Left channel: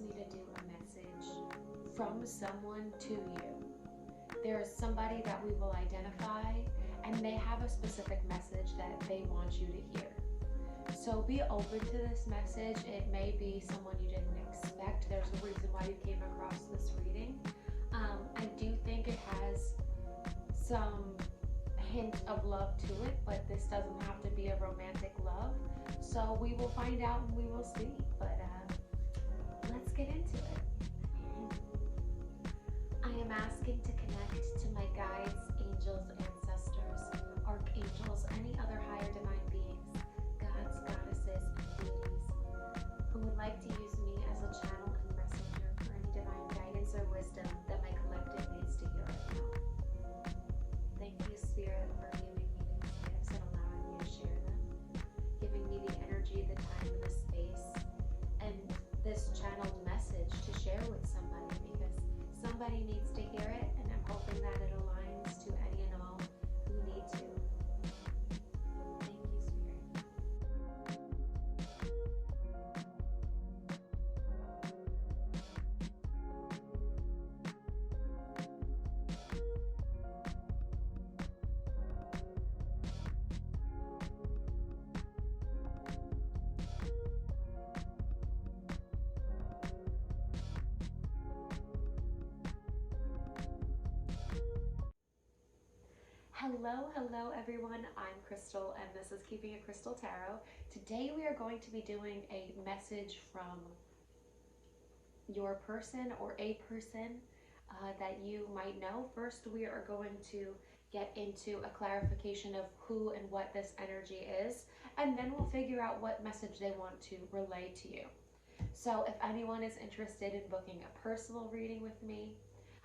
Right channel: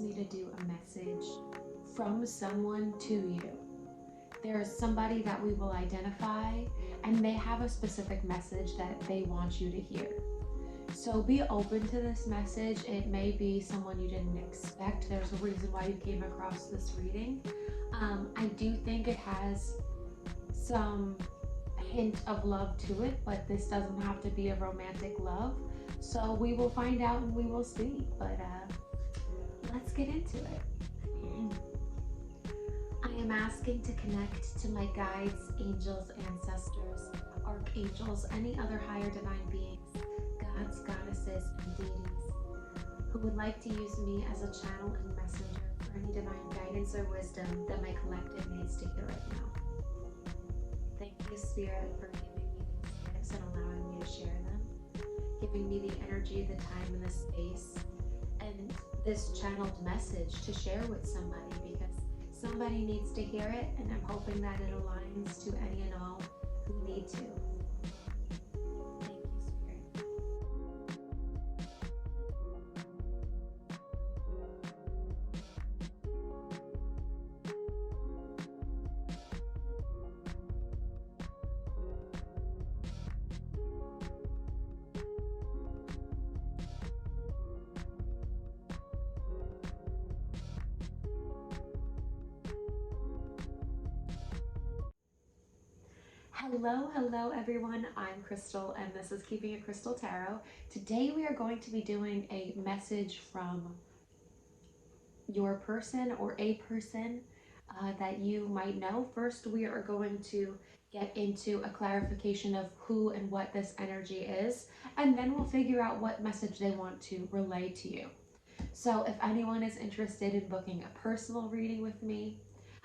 me to do a message from someone to you. There's somebody that we will identify, and they have a specific message that they want you to hear. So be open to this message. It may be someone you didn't expect. There's a reason why you came across this reading. I do think it has some hint of love to it, but this doesn't have to be a romantic love. So we will find out and we will see. But let's get into it. I am asking to connect to my guides, angels, ancestors, archangels, any other higher divine beings, gods, goddesses, and deities who would like to use me as a channel and messenger for any divine guidance or wisdom that my collective needs to hear right now. Thank you, Spirit, for giving me these gifts and allowing me to share them, giving me the energy, the time, and the space, and this channeled message to share with somebody, because somebody needs to hear it, and I'm hoping that it aligns to any and all who need to. Thank you, Spirit. Hello everyone, I'm Krystal and this is Keeping It Krystal Tarot. Today we are going to be doing a message from your person or a person that you might know. First, we are going to get into a clarification of who and what this energy is, and then we'll figure out what message they want to relay to you. So if anyone is interested in booking a personal reading with me,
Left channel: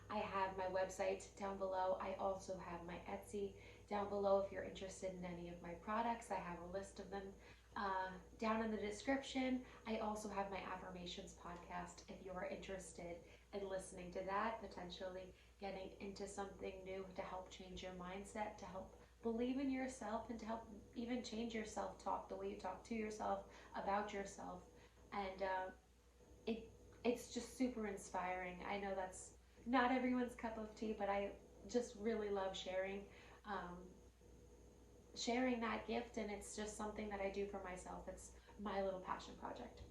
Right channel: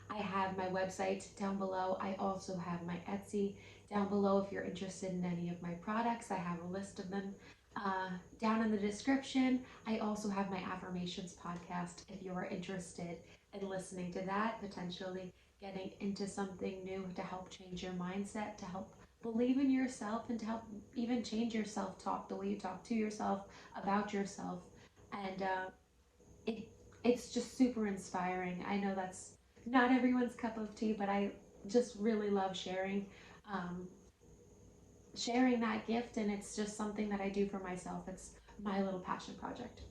I have my website down below. I also have my Etsy down below. If you're interested in any of my products, I have a list of them down in the description. I also have my affirmations podcast if you're interested in listening to that, potentially getting into something new to help change your mindset, to help believe in yourself, and to help even change your self-talk, the way you talk to yourself, about yourself. And it's just super inspiring. I know that's not everyone's cup of tea, but I just really love sharing that gift, and it's just something that I do for myself. It's my little passion project.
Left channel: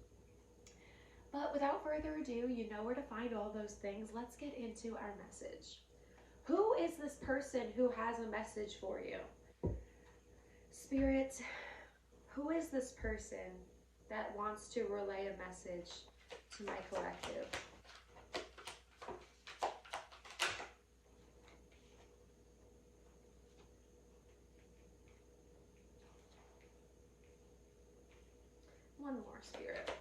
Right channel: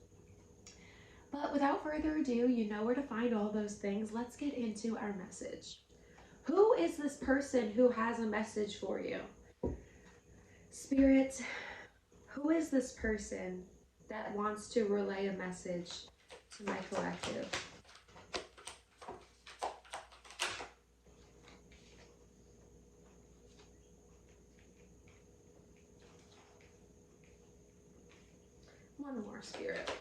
But without further ado, you know where to find all those things. Let's get into our message. Who is this person who has a message for you? Spirit, who is this person that wants to relay a message to my collective? One more, Spirit.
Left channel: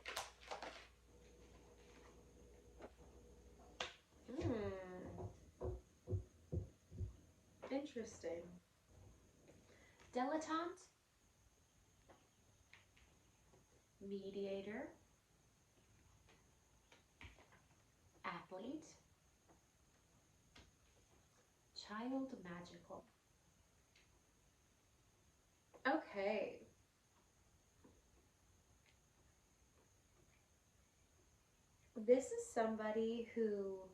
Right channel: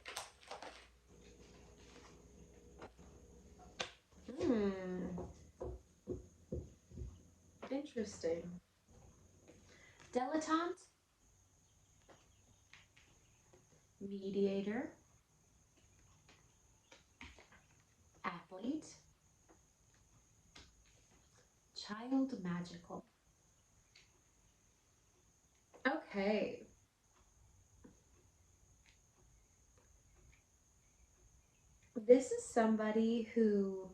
Interesting. Dilettante, mediator, athlete, child magical. Okay. This is somebody who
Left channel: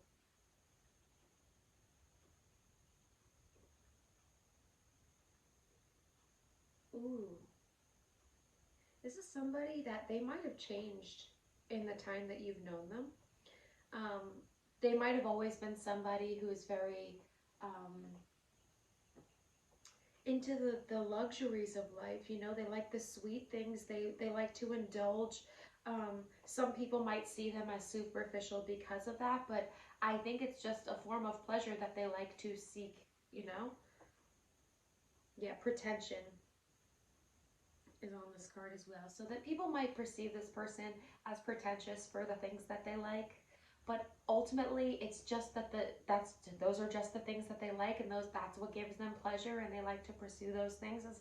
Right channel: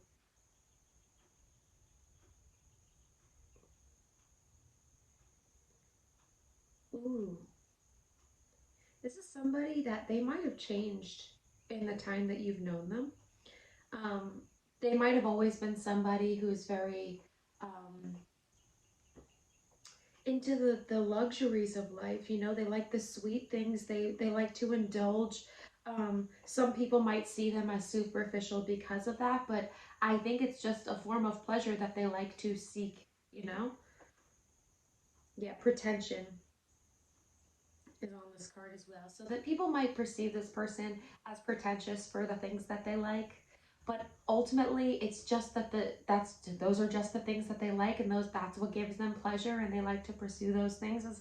this is somebody that they might have changed in the time that you've known them. They might have always been somebody who's very into the luxuries of life. You know, they like the sweet things. They like to indulge. Some people might see them as superficial because of that, but I think it's just a form of pleasure that they like to seek, you know? Yeah, pretension is on this card as well. So that people might perceive this person as pretentious for the things that they like, but ultimately it's just that those are just the things that they like, and that's what gives them pleasure, and they like to pursue those things as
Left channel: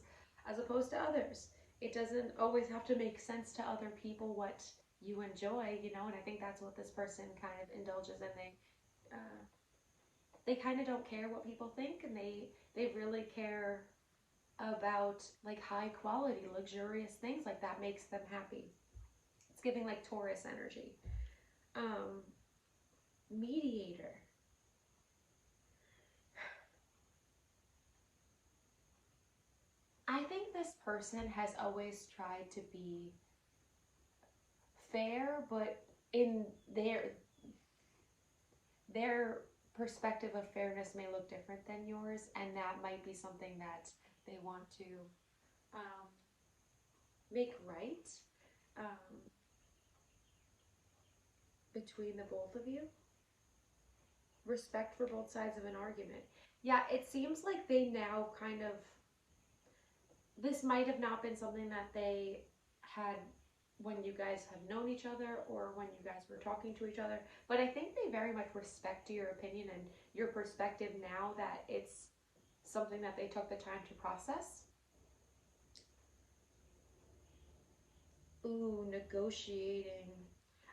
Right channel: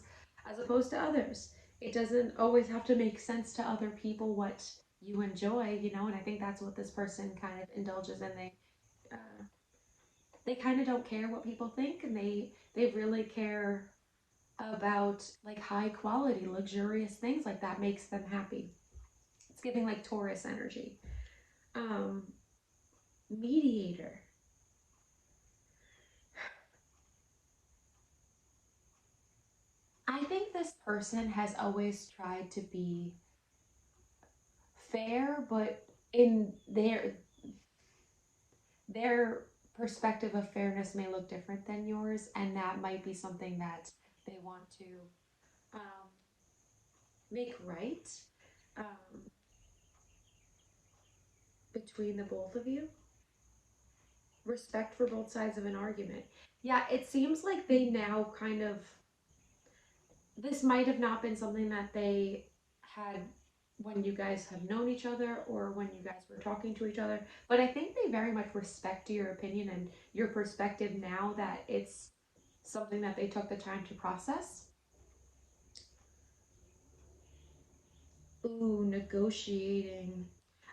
opposed to others. It doesn't always have to make sense to other people what you enjoy, you know, and I think that's what this person kind of indulges in. They kind of don't care what people think, and they really care about like high quality, luxurious things like that makes them happy. It's giving like Taurus energy. Mediator. I think this person has always tried to be fair, but in their perspective of fairness may look different than yours, and that might be something that they want to um, make right um, between the both of you. Respect for both sides of an argument. Yeah, it seems like they now kind of, this might have not been something that they had when you guys have known each other or when you guys were talking to each other, but I think they very much respect your opinion and your perspective now that it's something that they took the time to process. Ooh, negotiating.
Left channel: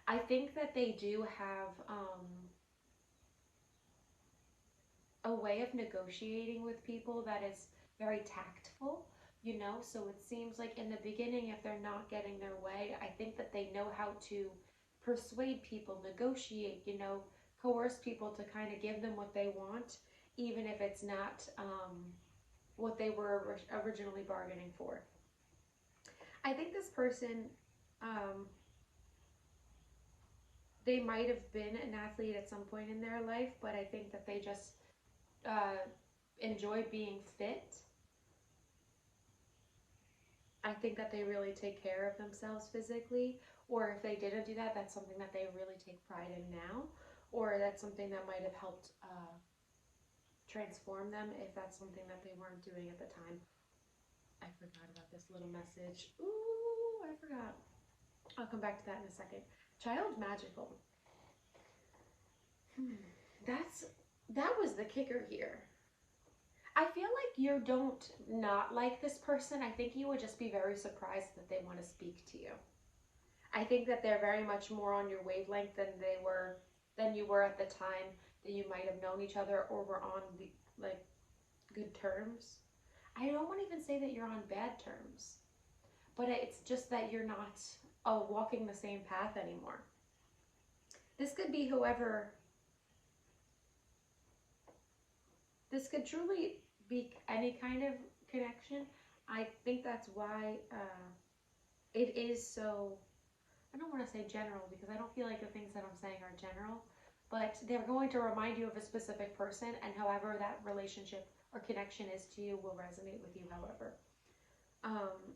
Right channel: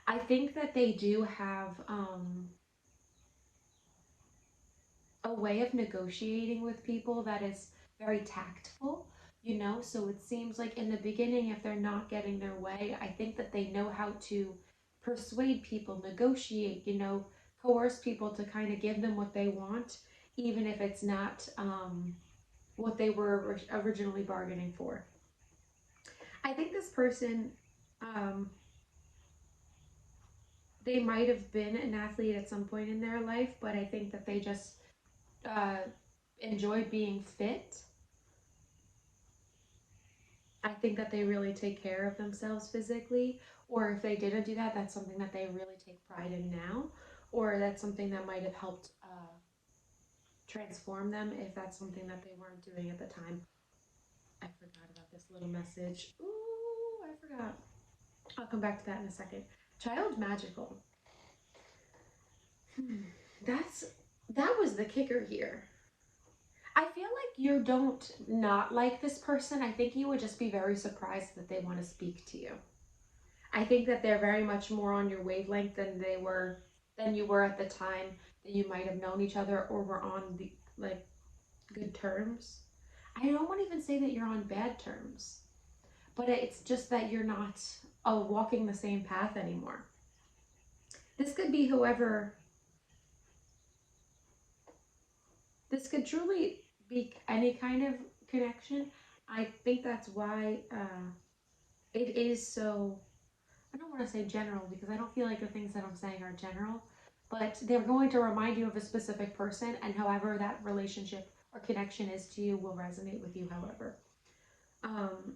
I think that they do have a way of negotiating with people that is very tactful, you know? So it seems like in the beginning, if they're not getting their way, I think that they know how to persuade people, negotiate, you know, coerce people to kind of give them what they want, even if it's not what they were originally bargaining for. I think this person, um, they might have been an athlete at some point in their life, but I think that they just uh, enjoyed being fit. I think that they really take care of themselves physically, or if they didn't do that, that's something that they really take pride in now, or that's something that might have helped transform them if that's something that they weren't doing at the time. I forgot about this little message. Ooh, I forgot. I'll come back to that in a second. Child magical. Hmm. That's that was the kicker here. I feel like you don't not like this person. I think you would just be very surprised that they want to speak to you. I think that they're very much more on your wavelength than you were at the time that you might have known each other or were on the like good terms. I don't want to even say that you're on bad terms, but it's just that you're not walking the same path anymore. This could be whoever, this could truly be any kind of connection. I think that's why it is so, I don't want to say general because I don't feel like the things that I'm saying are general, but they're going to remind you of a specific person, and however that relationship or connection is to you will resonate with you, however. Um,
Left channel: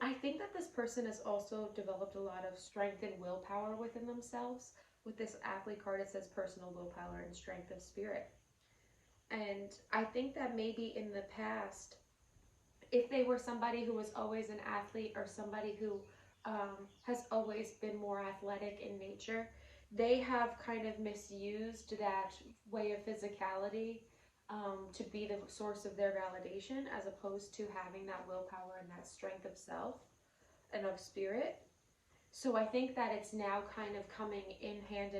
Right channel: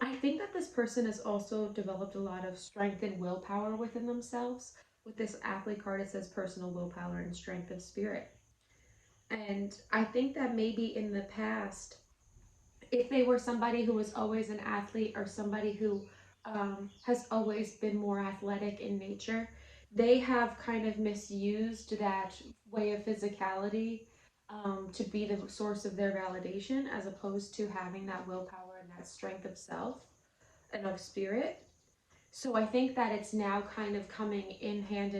I think that this person has also developed a lot of strength and willpower within themselves. With this athlete card, it says personal willpower and strength of spirit. And I think that maybe in the past, if they were somebody who was always an athlete or somebody who has always been more athletic in nature, they have kind of misused that way of physicality to be the source of their validation as opposed to having that willpower and that strength of self and of spirit. So I think that it's now kind of coming in hand,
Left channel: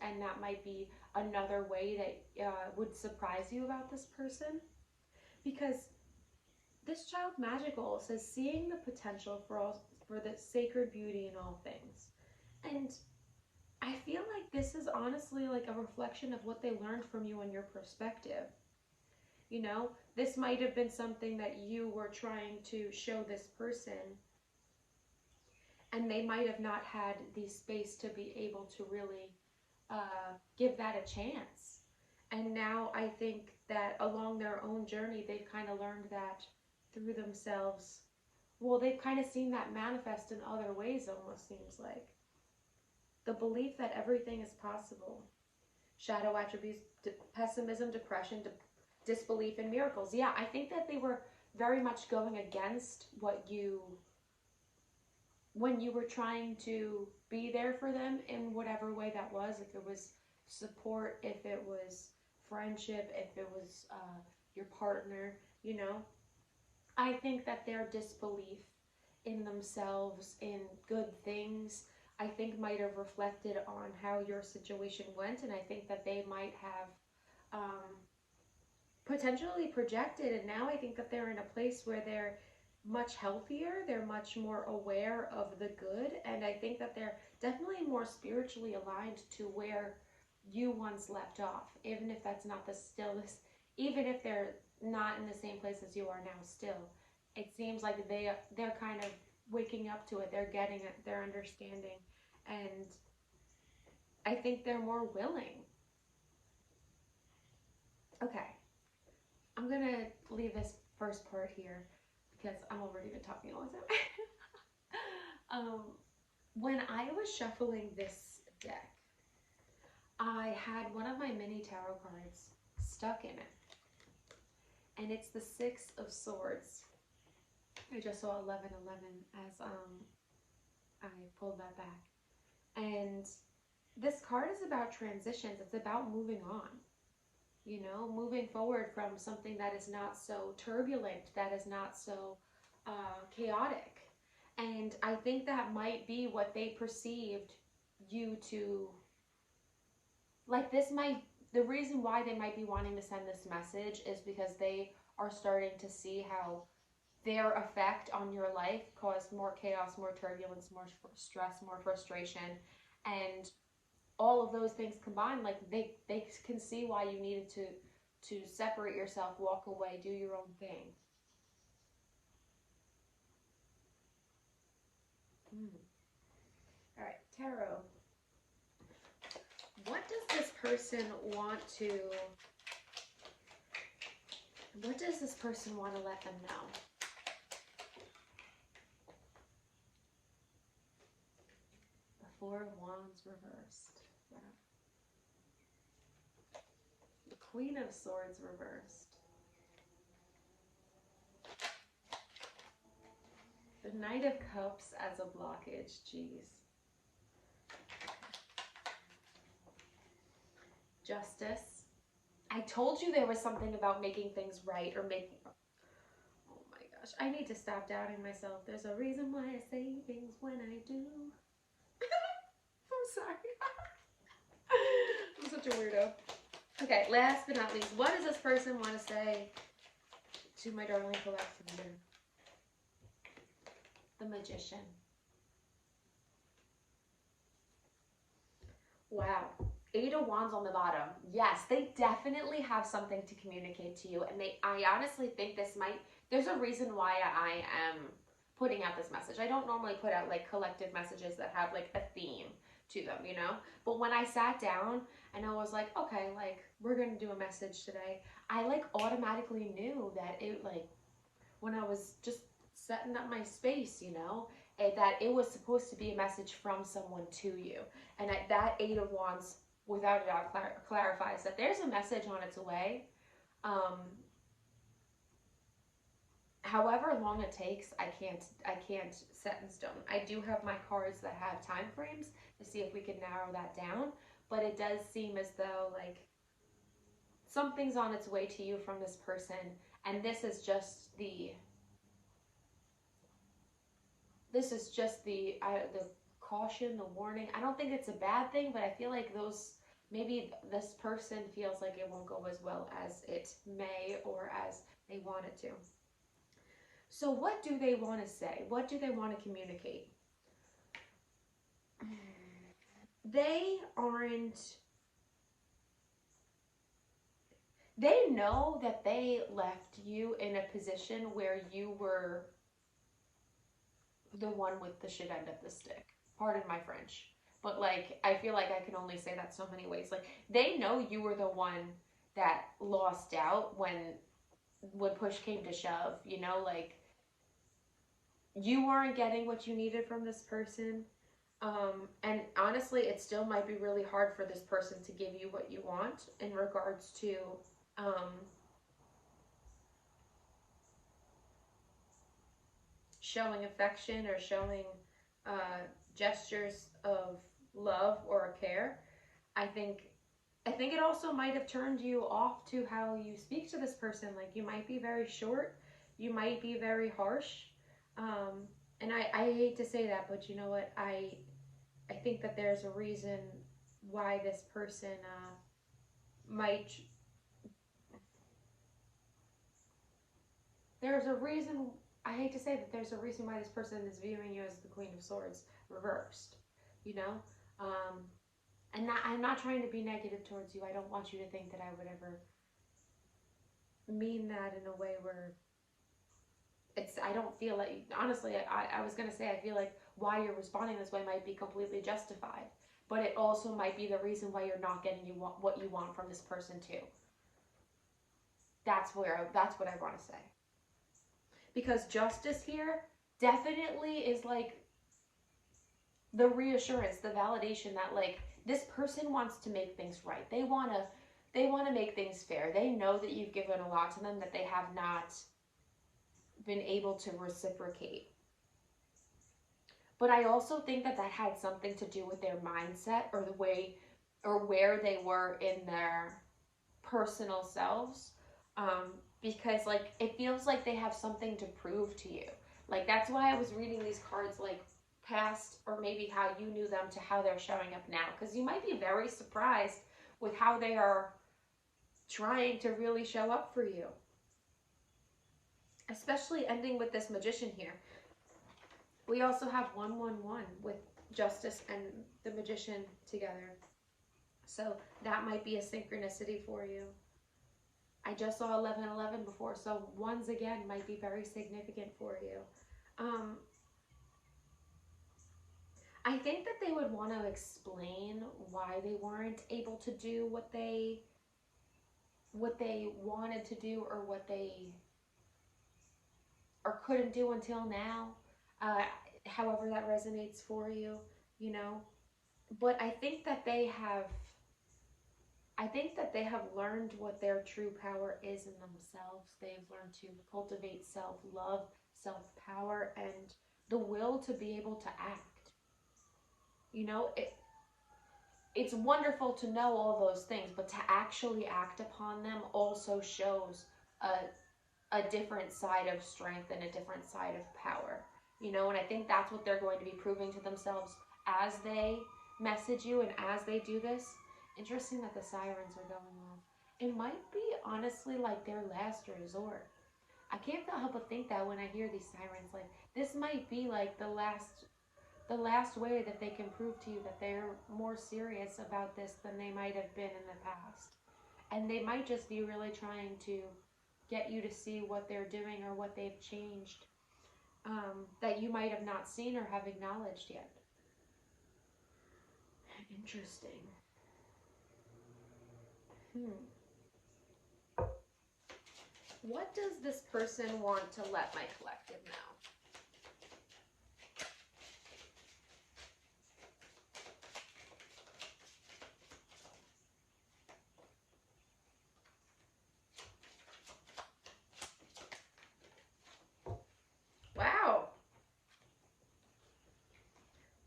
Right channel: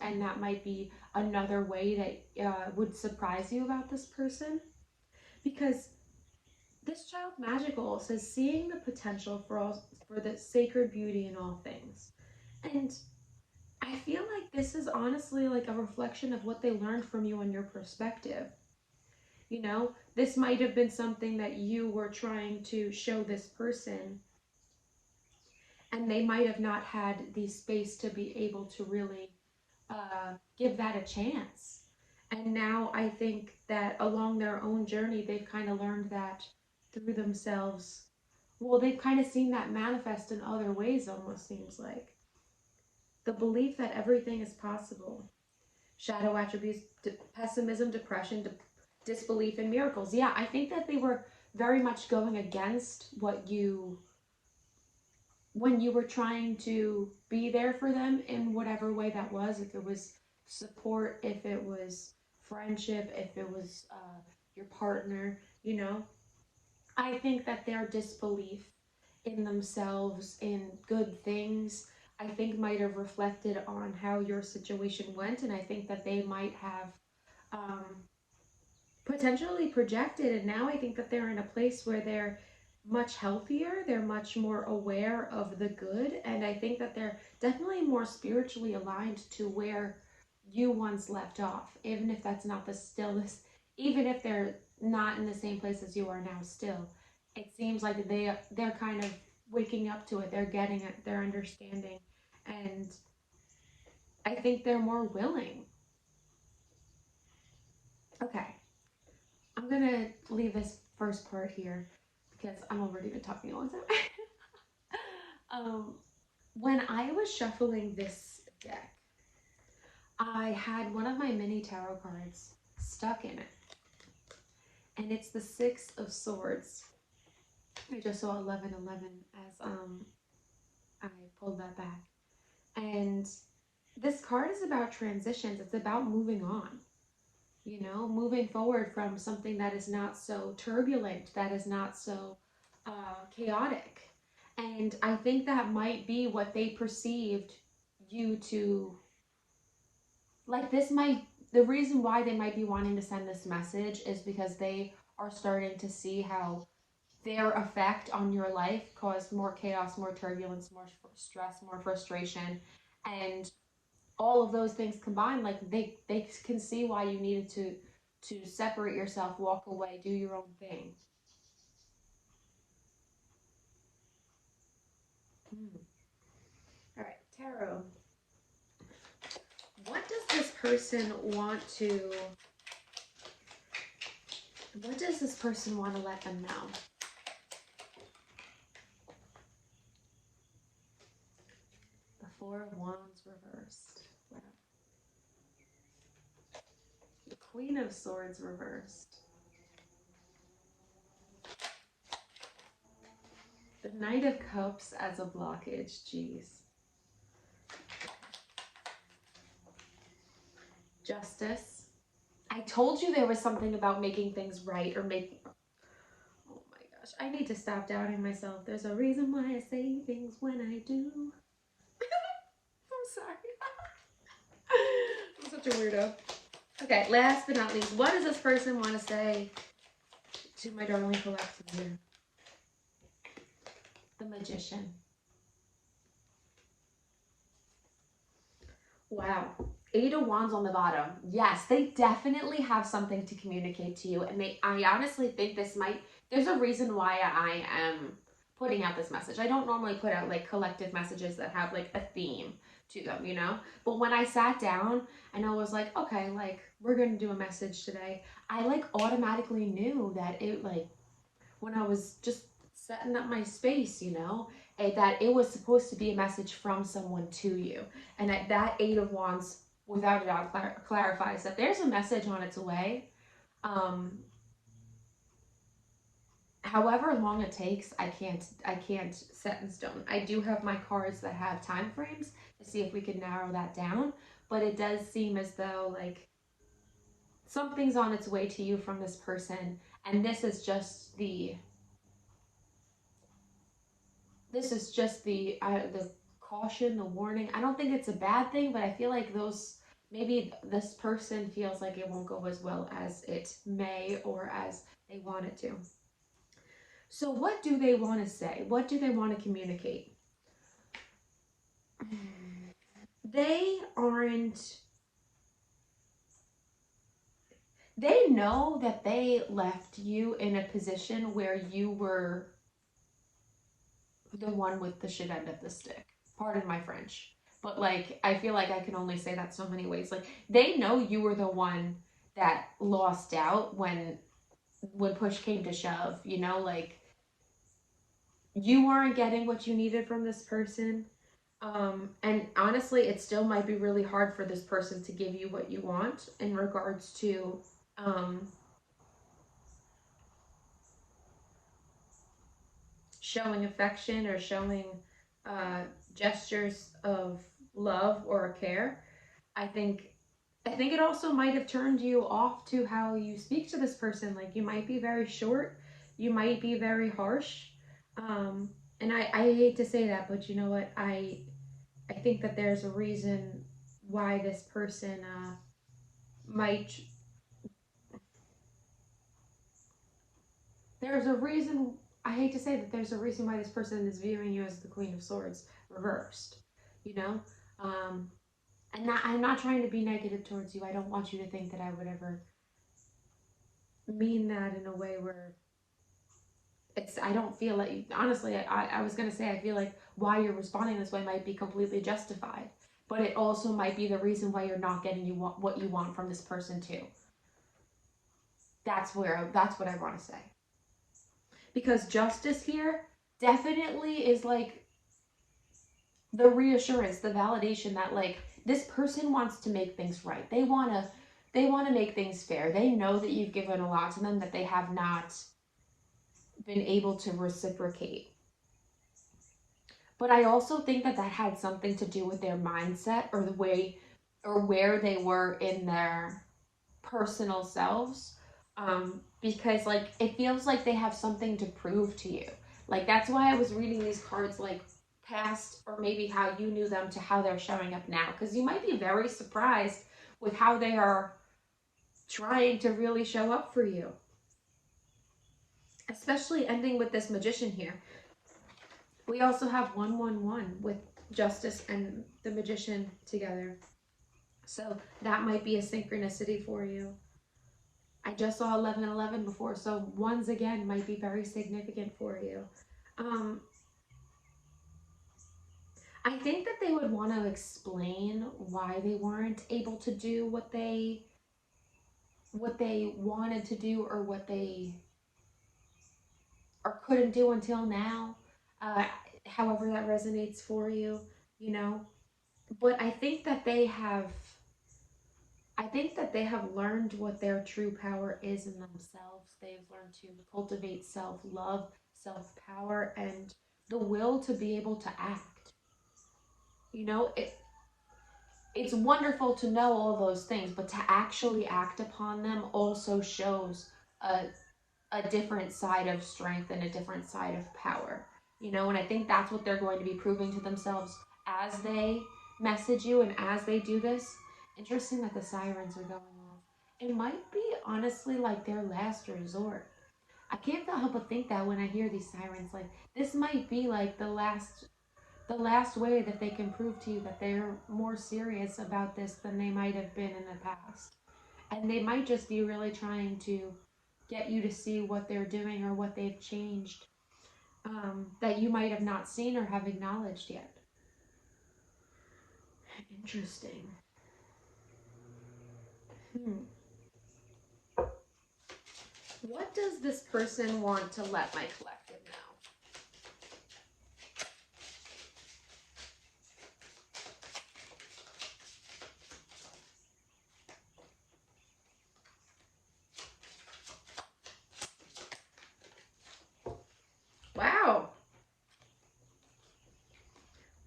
and that might be another way that would surprise you about this person because this child magical says seeing the potential for the sacred beauty in all things. And I feel like this is honestly like a reflection of what they learned from you and your perspective. You know, this might have been something that you were trying to show this person, and they might have not had the space to be able to really give that a chance. And now I think that along their own journey, they've kind of learned that through themselves. Well, they've kind of seen that manifest in other ways, almost seems like. The belief that everything is possible. Shadow attributes, pessimism, depression, disbelief in miracles. Yeah, I think that they were very much going against what you, when you were trying to be there for them in whatever way that was, if it was support, if it was friendship, if it was your partner, you know. I think that their disbelief in themselves, in good things, I think might have reflected on how your situation went. And I think that they might have um, potentially projected. And now I think that they're in a place where they're much healthier. They're much more aware of the good. And I think that they're definitely more spiritually aligned to where you once left off, even if that's not the stillness, even if they're not in the same place as you are now still. It seems like they're kind of waking up to it. They're getting it. They're understanding. And I think they're more willing. Okay. I'm gonna leave this first part here because I'm already been talking a long time. um, when I was shuffling this deck, I had one of my mini tarot cards stuck in it, and it's the Six of Swords. I just saw 1111 as I pulled that back, and this card is about transitions. It's about moving on. You know, moving forward from something that is not so turbulent, that is not so chaotic. And I think that might be what they perceived you to, like, this might, the reason why they might be wanting to send this message is because they are starting to see how their effect on your life caused more chaos, more turbulence, more stress, more frustration. And all of those things combined, like they can see why you needed to separate yourself, walk away, do your own thing. All right, tarot. What does this person want to? What does this person want to let them know? The Four of Wands reversed. The Queen of Swords reversed. The Knight of Cups as a blockage. Jeez. Justice. I told you there was something about making things right or making... Oh my gosh. I need to stop doubting myself. There's a reason why I say things when I do. I'm sorry. I'm such a weirdo. Okay, last but not least, what does this person want to say to my darling collective here? The Magician. Wow. Eight of Wands on the bottom. Yes, they definitely have something to communicate to you. And I honestly think this might, there's a reason why I am putting out this message. I don't normally put out like collective messages that have like a theme to them, you know? But when I sat down and I was like, okay, like we're going to do a message today, I like automatically knew that it, like, when I was just setting up my space, you know, that it was supposed to be a message from someone to you. And that Eight of Wands, without a doubt, clarifies that there's a message on its way. However long it takes, I can't set in stone. I do have my cards that have time frames to see if we can narrow that down, but it does seem as though like something's on its way to you from this person, and this is just the the caution, the warning. I don't think it's a bad thing, but I feel like maybe this person feels like it won't go as well as it may or as they want it to. So what do they want to say? What do they want to communicate? They know that they left you in a position where you were the one with the shit end of the stick. Pardon my French. But like, I feel like I can only say that so many ways. Like, they know you were the one that lost out when push came to shove, you know, like you weren't getting what you needed from this person. And honestly, it still might be really hard for this person to give you what you want in regards to showing affection or showing gestures of love or care. I think it also might have turned you off to how you speak to this person. Like, you might be very short, you might be very harsh. And I hate to say that, but you know what? I think that there's a reason why this person might. There's a reason I hate to say that there's a reason why this person is viewing you as the Queen of Swords reversed, you know? And I'm not trying to be negative towards you. I don't want you to think that I would ever mean that in a way where I don't feel like, honestly, I was going to say, I feel like why you're responding this way might be completely justified, but it also might be the reason why you're not getting what you want from this person too. That's what I want to say. Because justice here definitely is like the reassurance, the validation that like this person wants to make things right. They want to make things fair. They know that you've given a lot to them that they have not been able to reciprocate. But I also think that had something to do with their mindset or the way or where they were in their personal selves. Because like it feels like they have something to prove to you. Like that's why I was reading these cards like past or maybe how you knew them to how they're showing up now. Because you might be very surprised with how they are trying to really show up for you. Especially ending with this Magician here. We also have 111 with Justice and the Magician together. So that might be a synchronicity for you. I just saw 1111 before, so ones again might be very significant for you. I think that they would want to explain why they weren't able to do what they wanted to do or what they or couldn't do until now. However that resonates for you, you know. But I think that they have learned what their true power is in themselves. They've learned to cultivate self-love, self-power, and the will to be able to act. You know, it's wonderful to know all those things, but to actually act upon them also shows a different side of strength and a different side of power. You know, and I think that's what they're going to be proving to themselves as they message you and as they do this. Interesting that the sirens are going off. It might be honestly like their last resort. I can't help but think that when I hear these sirens, like this might be like the last way that they can prove to you that they're more serious about this than they might have been in the past. And they might just be really trying to get you to see what they're doing or what they've changed that you might have not seen or have acknowledged yet. Interesting. What does this person want to let my collective know? Wow.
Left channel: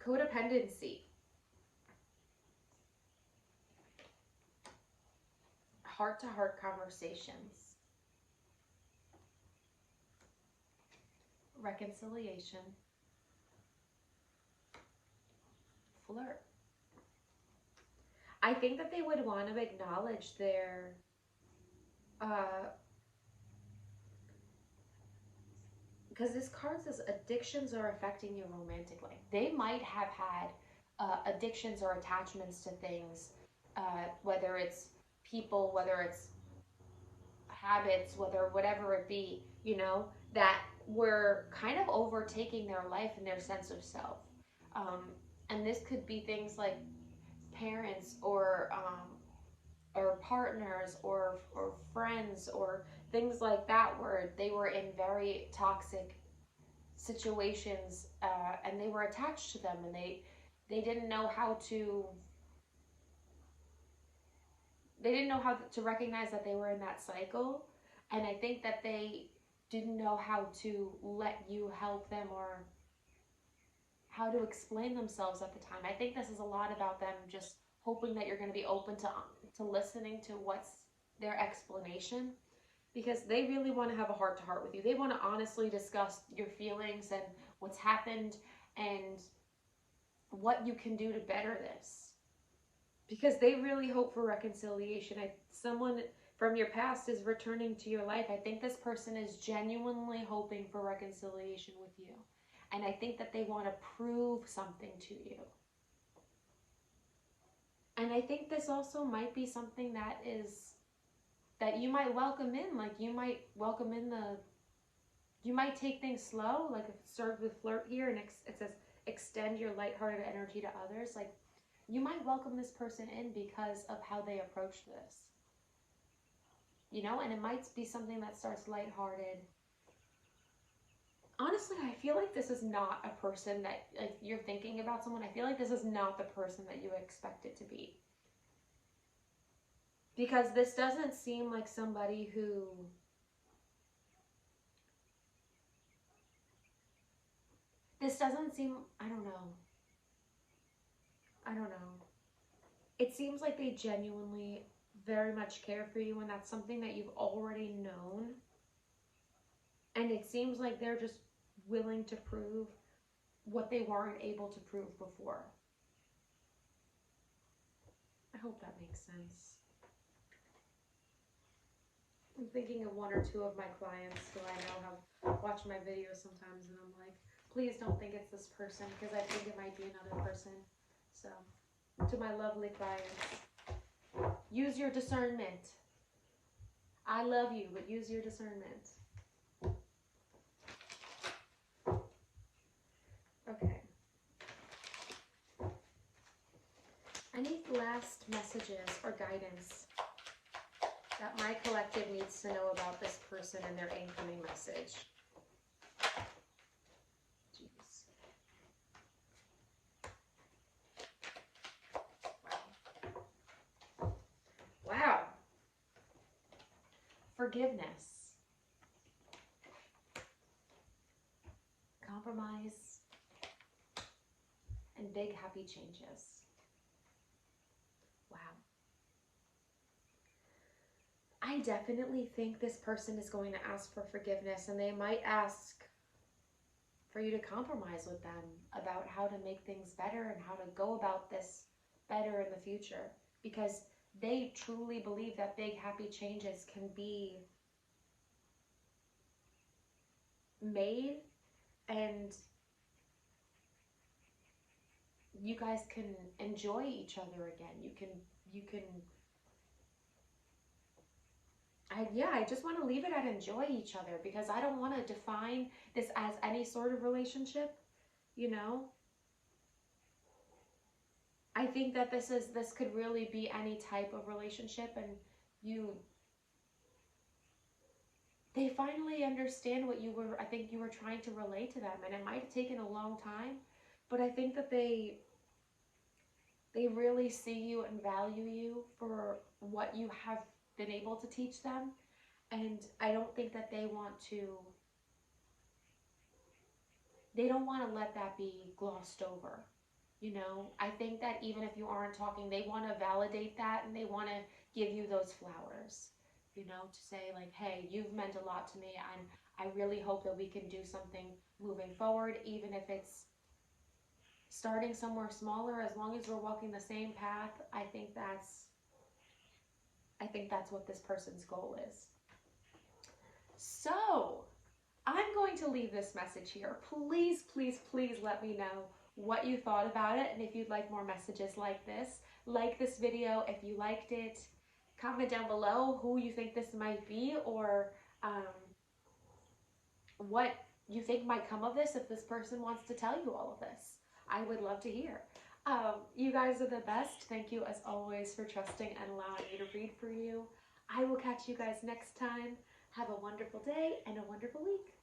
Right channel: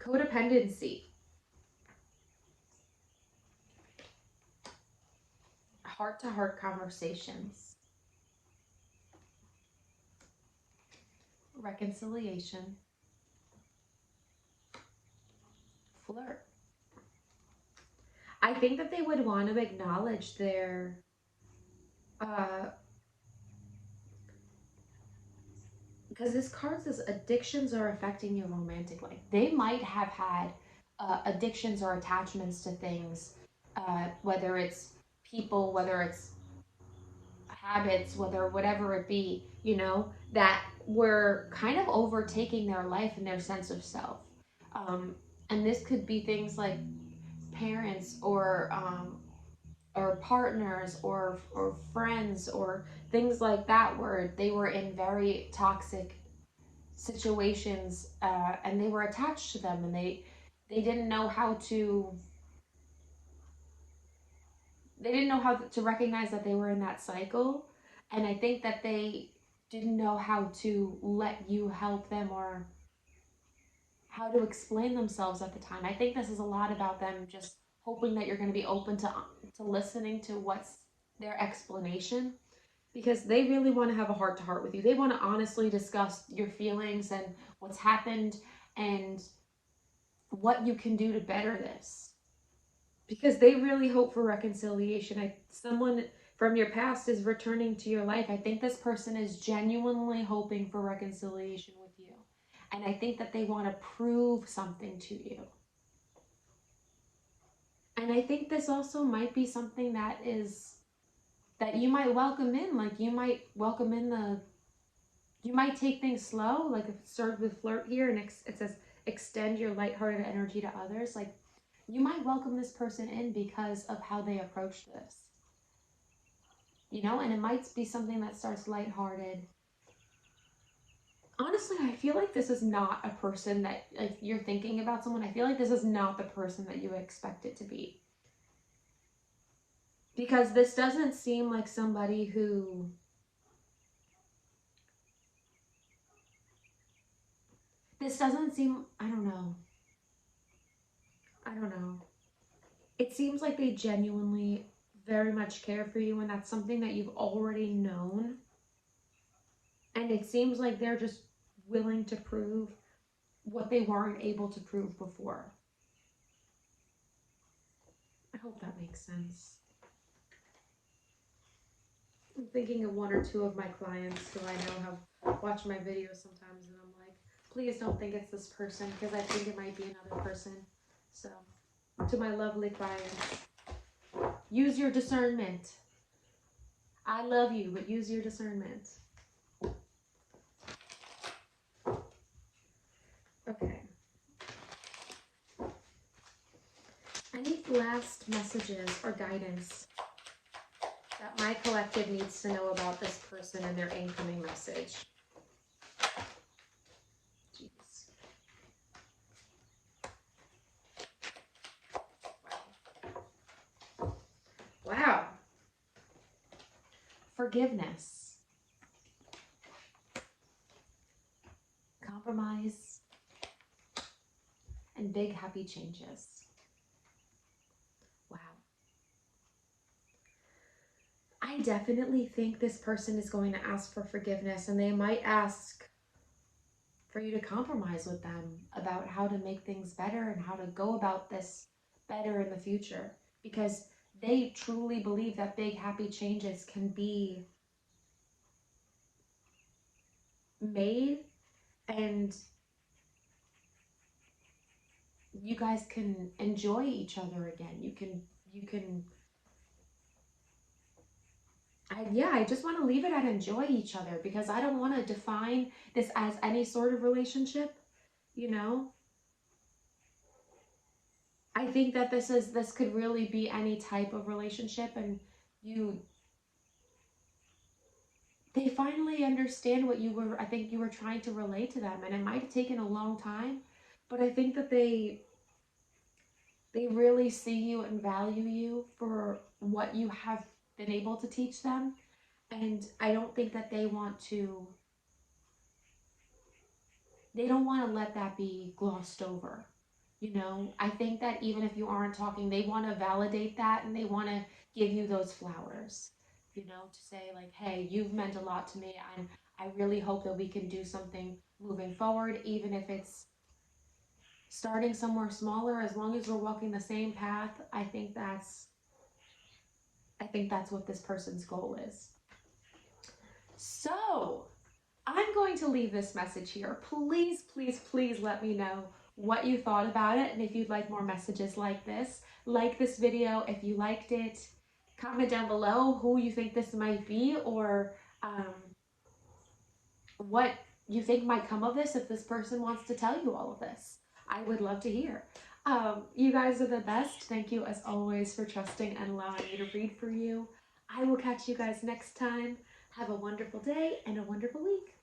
Codependency. Heart-to-heart conversations. Reconciliation. Flirt. I think that they would want to acknowledge their because this card says addictions are affecting your romantic life. They might have had addictions or attachments to things, whether it's people, whether it's habits, whatever it be, you know, that were kind of overtaking their life and their sense of self. And this could be things like parents or partners or friends or things like that where they were in very toxic situations and they were attached to them and they didn't know how to recognize that they were in that cycle. And I think that they didn't know how to let you help them or how to explain themselves at the time. I think this is a lot about them just hoping that you're going to be open to listening to what's their explanation, because they really want to have a heart-to-heart with you. They want to honestly discuss your feelings and what's happened and what you can do to better this, because they really hope for reconciliation. from your past is returning to your life. I think this person is genuinely hoping for reconciliation with you. And I think that they want to prove something to you. And I think this also might be something that you might welcome in. Like you might welcome in you might take things slow. Like if it started with flirt here and it says extend your lighthearted energy to others. Like you might welcome this person in because of how they approach this. You know, and it might be something that starts lighthearted. Honestly, I feel like this is not a person that, like, you're thinking about someone. I feel like this is not the person that you expect it to be. Because this doesn't seem like somebody who... This doesn't seem... I don't know. It seems like they genuinely very much care for you, and that's something that you've already known. And it seems like they're just willing to prove what they weren't able to prove before. I hope that makes sense. I'm thinking of one or two of my clients who I know have watched my videos sometimes, and I'm like, please don't think it's this person, because I think it might be another person. So, to my lovely clients, use your discernment. I love you, but use your discernment. Okay. Any last messages or guidance that my collective needs to know about this person and their incoming message? Jeez. Wow. Forgiveness. Compromise. And big happy changes. Wow. I definitely think this person is going to ask for forgiveness, and they might ask for you to compromise with them about how to make things better and how to go about this better in the future, because they truly believe that big happy changes can be made, and you guys can enjoy each other again. You can I just want to leave it at enjoy each other, because I don't want to define this as any sort of relationship, you know? I think that this could really be any type of relationship, and they finally understand what I think you were trying to relay to them, and it might have taken a long time, but I think that they really see you and value you for what you have been able to teach them. And I don't think that they don't want to let that be glossed over. You know, I think that even if you aren't talking, they want to validate that, and they want to give you those flowers, you know, to say like, hey, you've meant a lot to me, and I really hope that we can do something moving forward, even if it's starting somewhere smaller. As long as we're walking the same path, I think that's what this person's goal is. So I'm going to leave this message here. Please, please, please let me know what you thought about it, and if you'd like more messages like this. Like this video if you liked it. Comment down below who you think this might be, or what you think might come of this if this person wants to tell you all of this. I would love to hear. You guys are the best. Thank you as always for trusting and allowing me to read for you. I will catch you guys next time. Have a wonderful day and a wonderful week.